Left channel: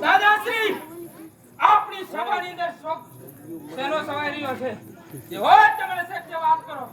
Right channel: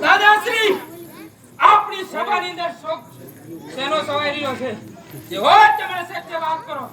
દાદાશ્રી આપણી સભાની અંદર શોક શેનો સવાઈ રહ્યો છે જે હોય તમે સત્ય વાત કરો.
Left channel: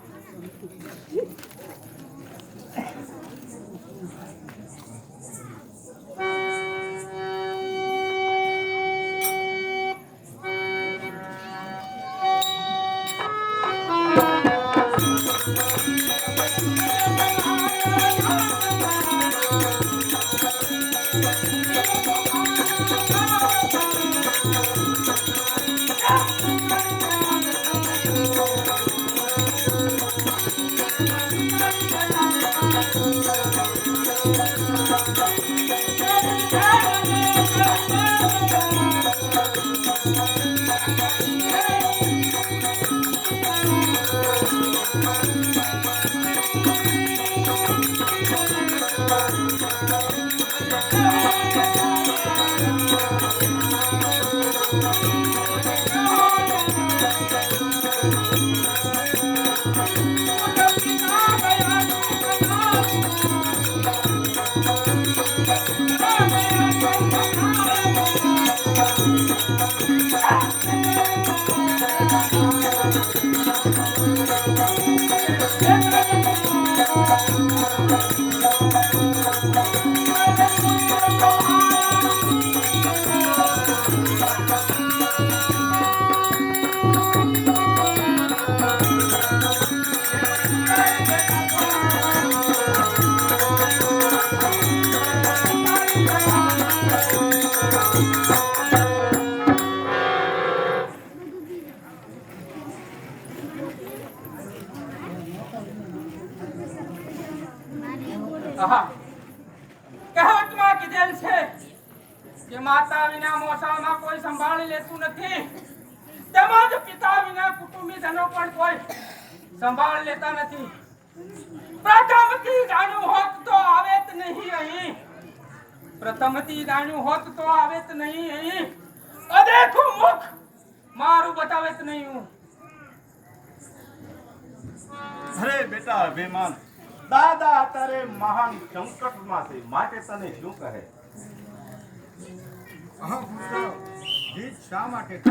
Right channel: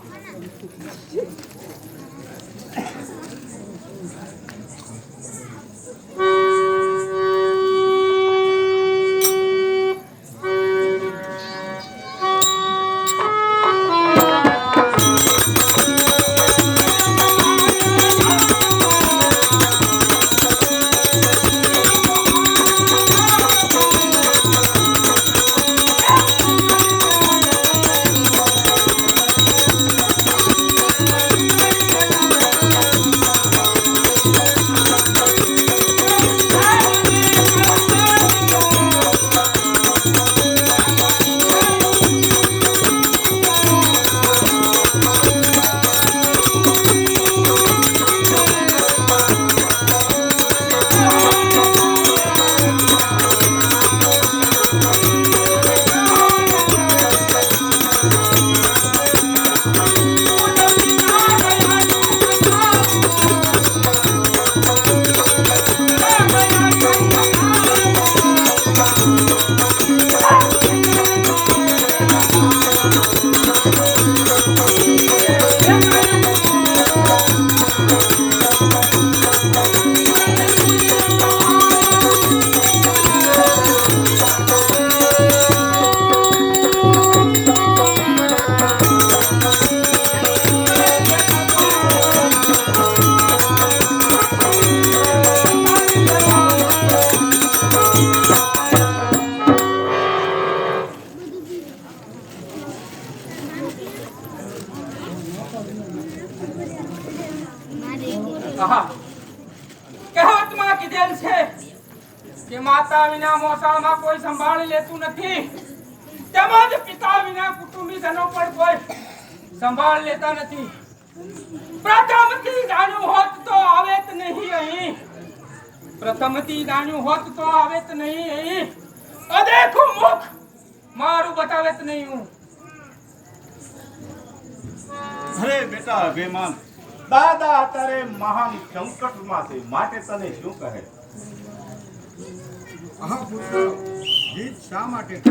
કહેવતમાં કીધેલ છે કે માતા વિના મોસાળમાં કોઈ સંભાળી લેતું નથી, તેમજ પિતા વિના કુટુંબીજનો પણ કોઈ સંભાળ લેતા નથી. પ્રથમથી જાણ્યું હોત તો આવેત નહીં અહીં, પ્રથમથી જાણ્યું હોત તો આવેત નહીં અહીં. અદેખું મુખ મારું બતાવેત નહીં હું. અરે બેટા અભિમાન, દાદા અત્યારે મહાન સંકટમાં છે, માટે તને શું કહે? હા પુત્ર, જીત શા માટે?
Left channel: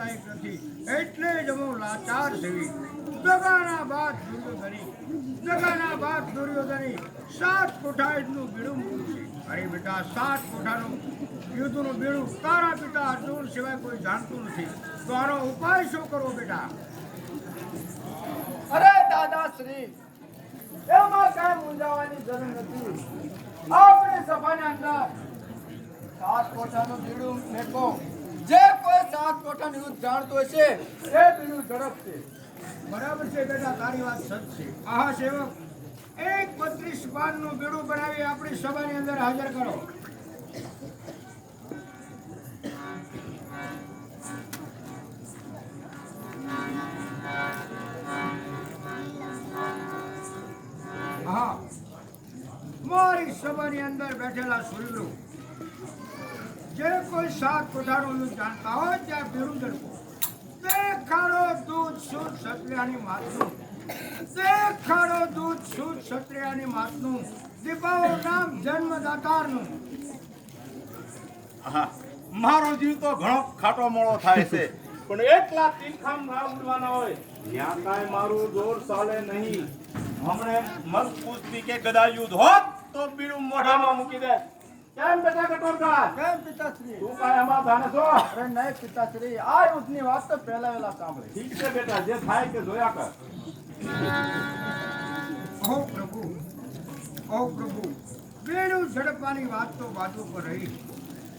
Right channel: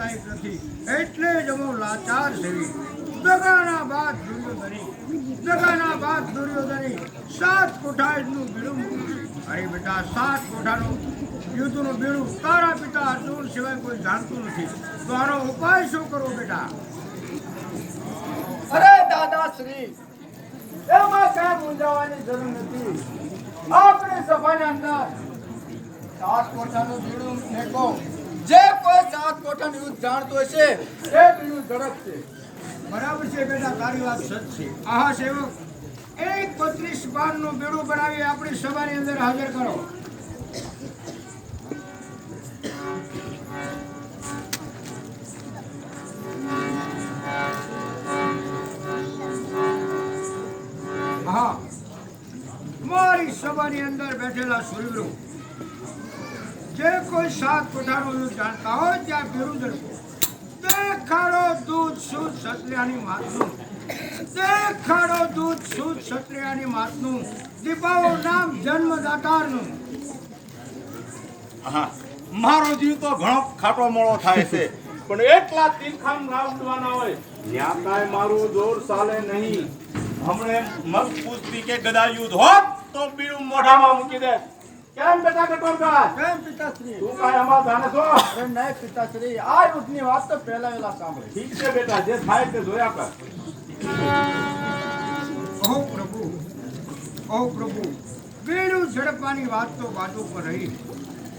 લાભદાયક નથી, એટલે જ હું લાચાર સેવી. દગાના બાદ દુર્યોધની 7 કોઠા યુદ્ધનું બીડું મૂક્યું છે. અરે બેટા, 7 કોઠાનું યુદ્ધનું બીડું તારા પિતા અર્જુન સિવાય કોઈ જાણતું નથી. તો આનો ઉપાય શું કરવો બેટા? અરે દાદાશ્રી, એમાં કઈ મૂંઝાવાની જરૂર નથી. આપણી સભાની અંદર 7 કોઠાનું બીડું મેકો. જે કોઈ 7 કોઠાનું યુદ્ધ જાણતો હશે એ બીડું ઝડપશે. બરાબર છે બેટા, તારી વાત સચ છે. આહા સેવક, એક 32 બારનું બીડું બનાવી આપણી સભાની અંદર હાજર કરો. હા, મારી સભાની અંદર બેઠેલા સુરવીરો, જે કોઈ 7 કોઠાનું યુદ્ધ જાણતા હોય ત્યાં બીડું ઝડપો. દેખાડો દૂધ શુદ્ધ ક્ષત્રિયાની માતનું, દેખાડો દૂધ શુદ્ધ ક્ષત્રિયાની માતનું, દીપાવો નામ જન્મદાતારનું. હા, મારો જીવ તો ઘણો ખાટો મોળો થાય છે, પણ એટલા તીખામ લાવવાના હોય ત્યાં કાંઈ મારું જોર ચાલે નહીં. હમણે મગ કુસ્તી કે ગદા યુદ્ધ હોત તો બીડું મોઢામાં મૂકી દે. કેમ બેટા કટોરકા, કેમ પિતાશ્રી? તું કાંઈ આમાં જાણે છો? અરે નહીં પિતાશ્રી, આ યુદ્ધની વાત તો પહેલા વહેલા સાંભળી. ઠીક છે બેટા, જે થાય તે જોયા કર. ઓ પ્રભુ, બીડું ઝડપવાની વાત તો બાજુ પર રહી,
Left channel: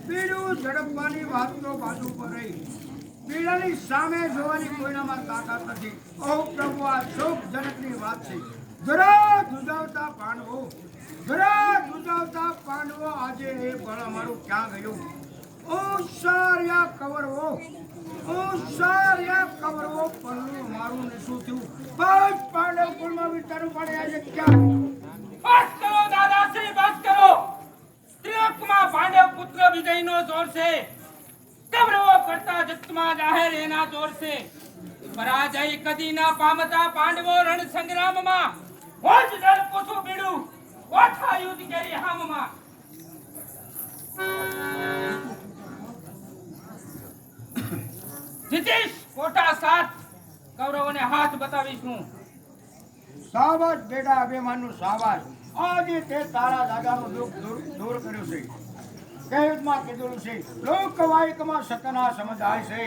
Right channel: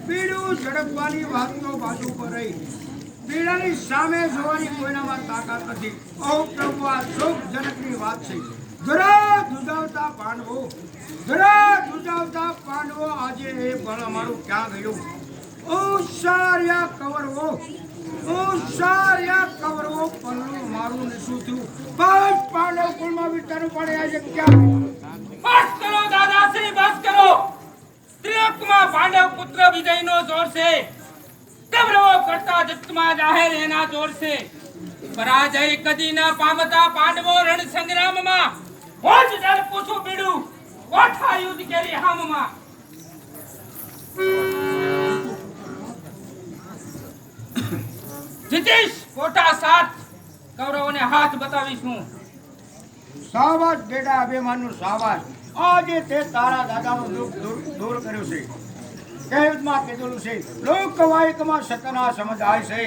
બીડું ઝડપવાની વાત તો બાજુ પર રહી. બીડાની સામે જોવાની કોઈનામાં તાકાત નથી. ઓ પ્રભુ, આ શોકજનકની વાત છે. જરા ધ્રુજાવતા પાંડવો આજે એ બળ અમારું ક્યાં ગયું? ઓસાર્યા કવરવો પલ્લું અમારું ને શું થયું? બસ પાંડવ કુળમાં વિચારું પડે આજે ક્યાં ગયું? બસ કરો દાદાશ્રી, બસ કરો. ત્રિલોકમાં પાંડવ પુત્ર વિજયનો જોર છે. કૌરવો કરતા જગતમાં જાહેર એના જોર છે. પરાજય કદી ના પામતા પાંડવો રણ સંગ્રામમાં હોજ જલ પૂછું બીડું કોઠા યુદ્ધ કેરી હામમાં. જીતીશ કોઠા 7, કૌરવોને હાથ બતાવીશ હું. સાવાસ બેટા અભિમાનનું સાવાસ. આજે તે તારા દાદાનું દુઃખ દૂર કર્યું છે. કહેવતમાં કીધેલું છે, લોકવાયકમાં સતના સમજાય છે,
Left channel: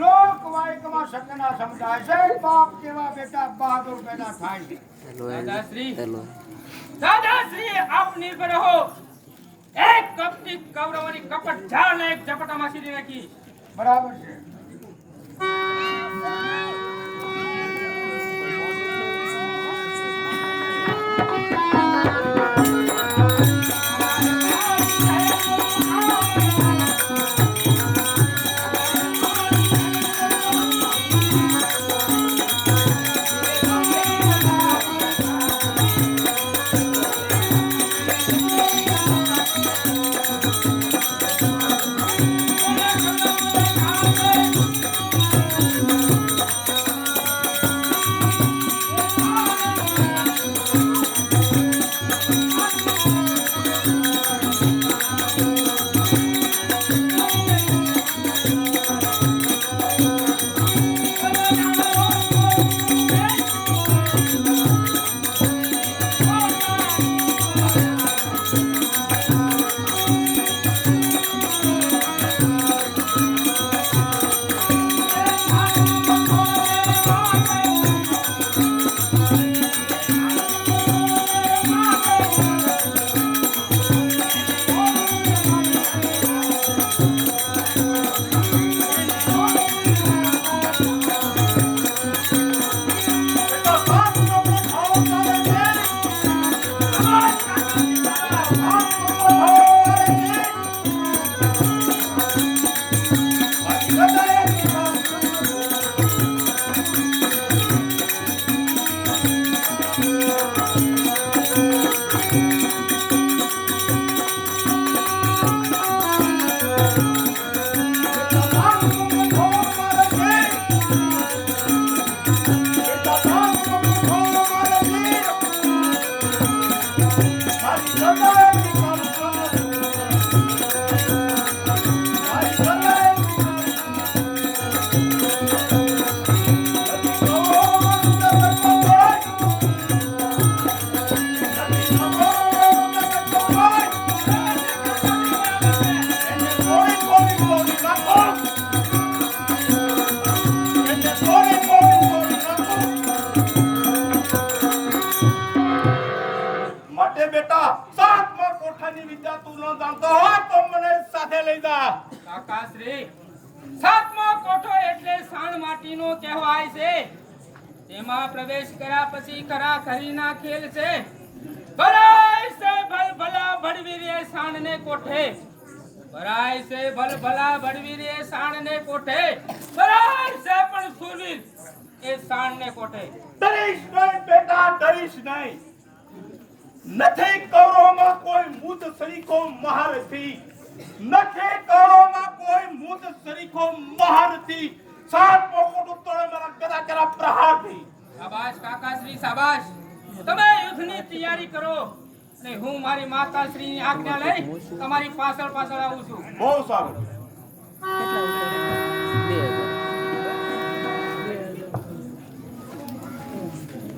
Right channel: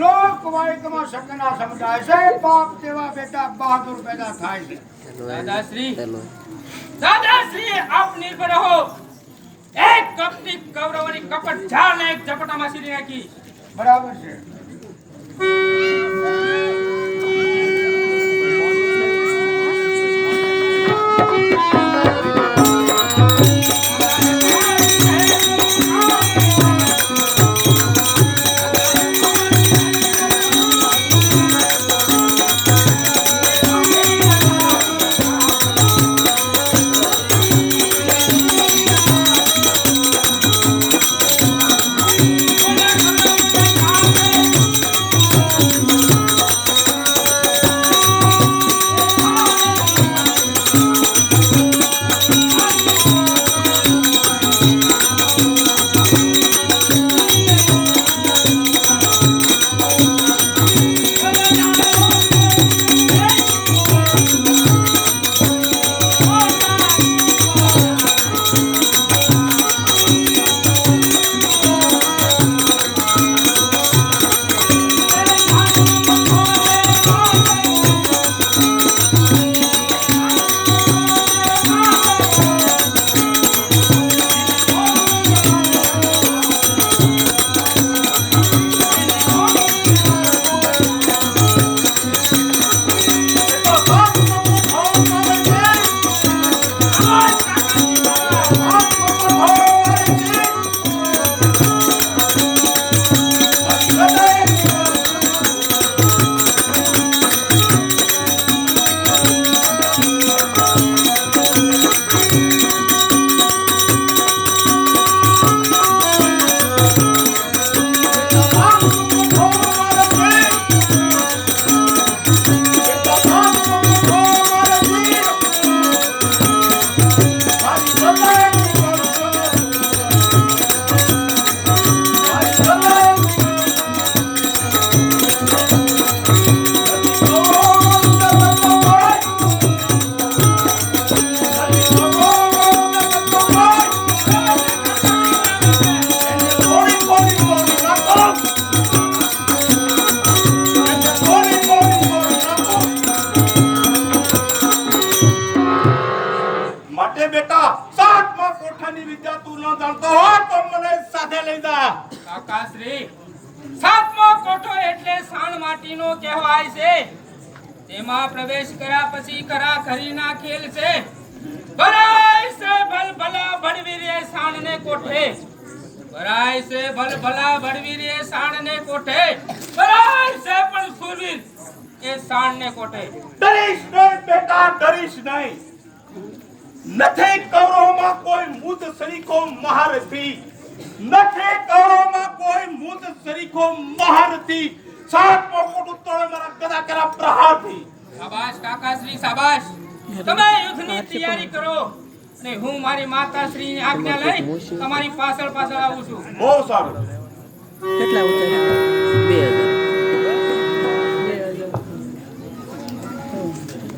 લોકવાયકમાં સતના સમજાય છે. બાપ જેવા બેટા બહાદુર પેદા થાય છે. દાદાશ્રી આપ નિર્ભય રહો. એક કપટી કૌરવોની કપટ ઝાડને એક ઝપટામાં સીધી નાખી. બરાબર છે. કોઠાની વિદ્યા તું ન જાણતો હોય તો મને સાથે લઈ જા. કાકાશ્રી, સાતમો કોઠો એટલે સાણ માટીનો કહેવાય છે. તેમાં પ્રવેશ કર્યા પછી ખરા ખરીના ખેલ છે. ભરાય છે ભલભલા ભડવીરે સાણને કોઠે. ભરાય છે ભલભલા ભડવીરે સાણને કોઠે. ભરાય છે પણ સુરવીર એ સાણને કોઠે. ડરીશ નહીં બેટા, ડરીશ નહીં. નથી કૌરવમાં કોઈ મુદ સરીખો મહારથી. નથી કૌરવમાં કોઈ મુદ સરીખો મહારથી. સાતમો કોઠો તોડે મારા ગદા કરા પ્રહારથી. શાબાશ કાકાશ્રી, શાબાશ. તમે યુદ્ધની તૈયારી કરો અને હું મારી માતાશ્રીની આજ્ઞા લઈ તમારી પાછળ આવું છું. બહુ સારું. કેટલા ઉતર્યા 2000